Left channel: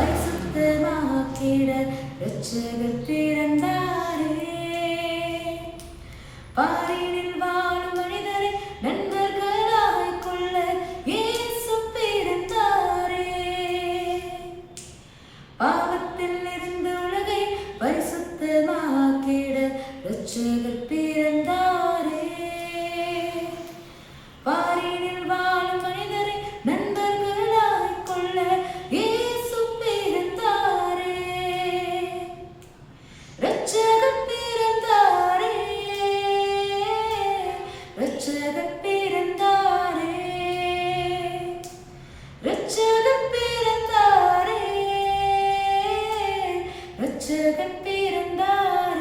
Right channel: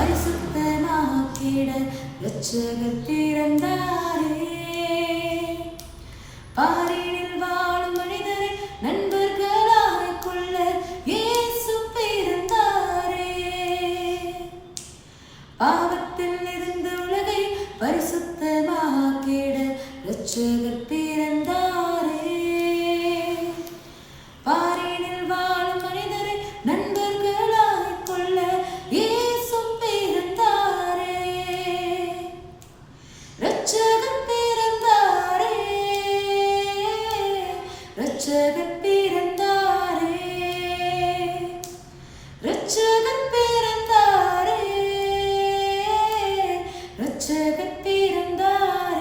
பரிசுத்தமாக்கிட ரட்சகர் பிறந்தாரே பாரினில் வாழும் மனிதரை நண்பர்களாய் கொள்ள இயேசு பிறந்தாரே. பாவத்தில் இருந்து உலகை பரிசுத்தமாக்கிட ரட்சகர் பிறந்தாரே. பிறந்தாரே. ரட்சகர் பிறந்தாரே. ரட்சகர் பிறந்தாரே.